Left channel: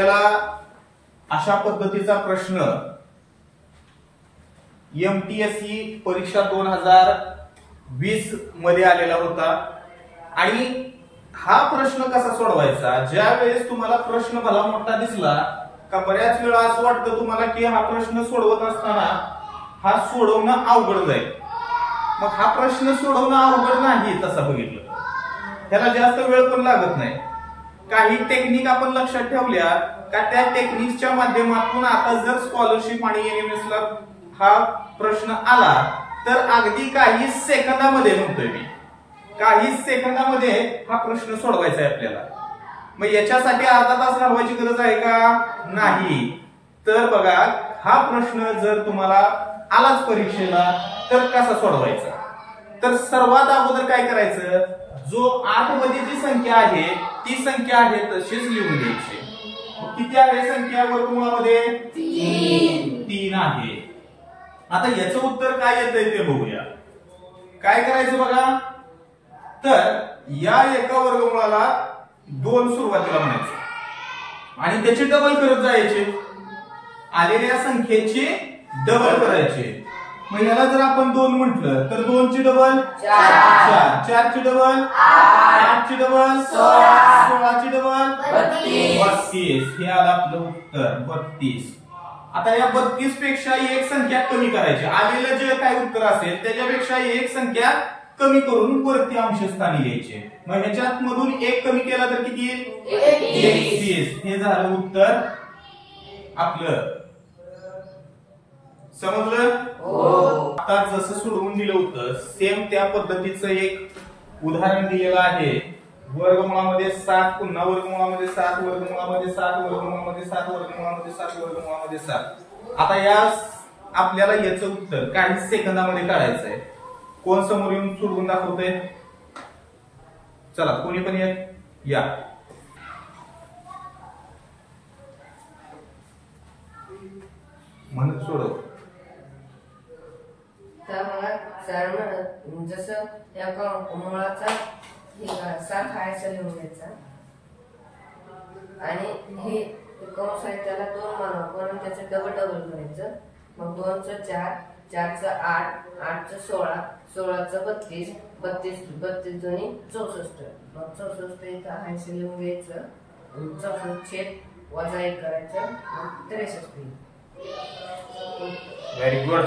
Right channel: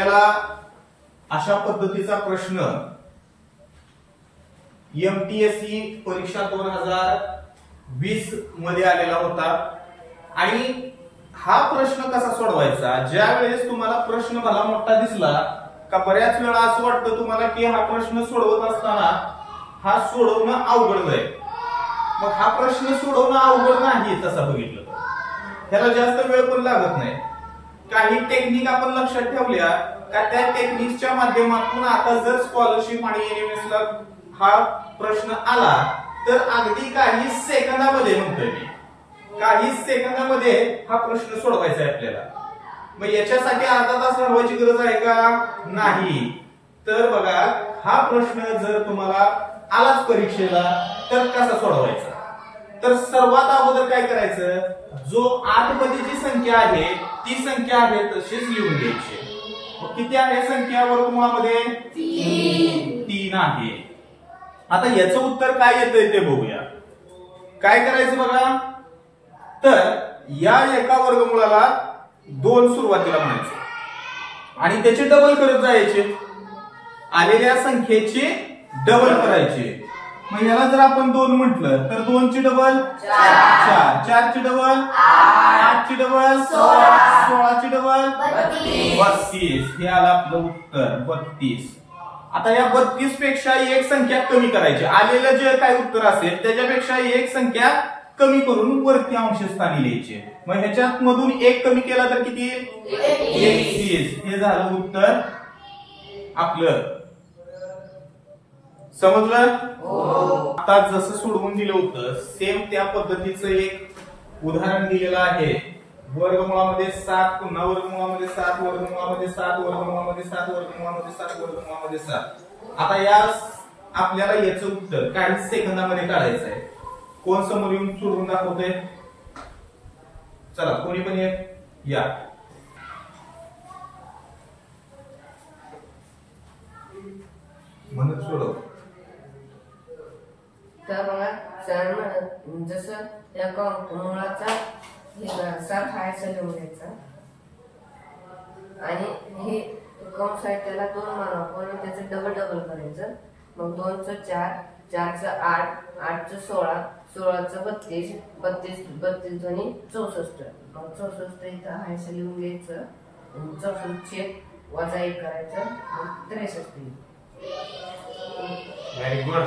आपल्याला अशा पद्धतीचा प्रश्न MTSE परीक्षा 2020 मध्ये आलेला होता। आणि हा प्रश्न कसा सोडवायचा, ज्या वेळेस तुम्हाला प्रश्न भला मोठा दिसला का बऱ्याच वेळा असं वाटतं तुम्हाला की हा प्रश्न सोडवत असताना हा सोडवणं अवघड जाईल। मग हा प्रश्न सोडवणं अवघड नाही तसं बघितलं तर त्याला जास्त वेळ पण लागत नाही। काही टेक्निक आपण लक्षात ठेवल्या का त्या टेक्निकच्या माध्यमातून आता जर स्कॉलरशिप आणि NMS ला हा प्रश्न आला तर अगदी काही सेकंदामध्ये म्हणतोय मी, काही सेकंदामध्ये हा प्रश्न सोडवायचा आहे आपल्याला। मग याच्यासाठी अर्धा तास घालवायची गरज आहे का? नाही। तर बघा, हा प्रश्न जर तुम्हाला आलाच परीक्षेला तर कसा सोडवायचा, तर सर्वात अगोदर काय करायचं, जो 8 मध्ये जी संख्या आहे ती संख्या आहे तशीच लिहून घ्यायची। किती आहे संख्या वर्गमुळामध्ये? 3 आहे। आता याचं उत्तर काय येते ते बघूया। काय करायचं बघा, तर या एका वर्गमुळाला 2 सुरुवातीला म्हणायचं आणि त्याचे डबल करत जायचे, आलेल्या संख्येचे डबल करायचे। मग याला जर आपण 2 म्हटलं तर 2 ची डबल 4, 4 ची डबल 8 ची डबल 16 ची डबल 32। हे आलं आपलं उत्तर 32। आता या 32 पेक्षा एक संख्या कमी करायची, आलेलं जे काही उत्तर असेल त्याच्यापेक्षा एक संख्या कमी करून वरती अंशस्थानी लिहायचे। मग ह्याच्यात मधून एक कमी केला तर किती? 31। हे झालं उत्तर आपलं। समजलं? आता जसं सोडवून दिलं होतं सेम त्या पद्धतीचं एक उदाहरण दिलेलं आहे। वर्गमुळामध्ये 7, पुन्हा वर्गमुळामध्ये 7, वर्गमुळामध्ये 7, वर्गमुळामध्ये 7, वर्गमुळामध्ये 7, वर्गमुळामध्ये 7। आता या आपल्याला याचं उत्तर काही सेकंदामध्ये काढायचं आहे। कोण समोर येऊन सोडवून दाखवतोय? चला, कोणी पण या। म्हणत सोडव। तर बघा सर म्हणत जसं या मुळाचा 7 हा असं लिहून घ्यायचा आणि हे कंस आहे त्याला 2 मानावं, पण त्याचं डबल करायचं। मग 2 चं 4, 4 चं 8, 8 चं 16, 16 चं 32, 32 दोन्ही 64। मग 64 इथं हा असं लिहून घ्यायचं, 64 छेद वजा 1 करायचं, मग 63। Very good.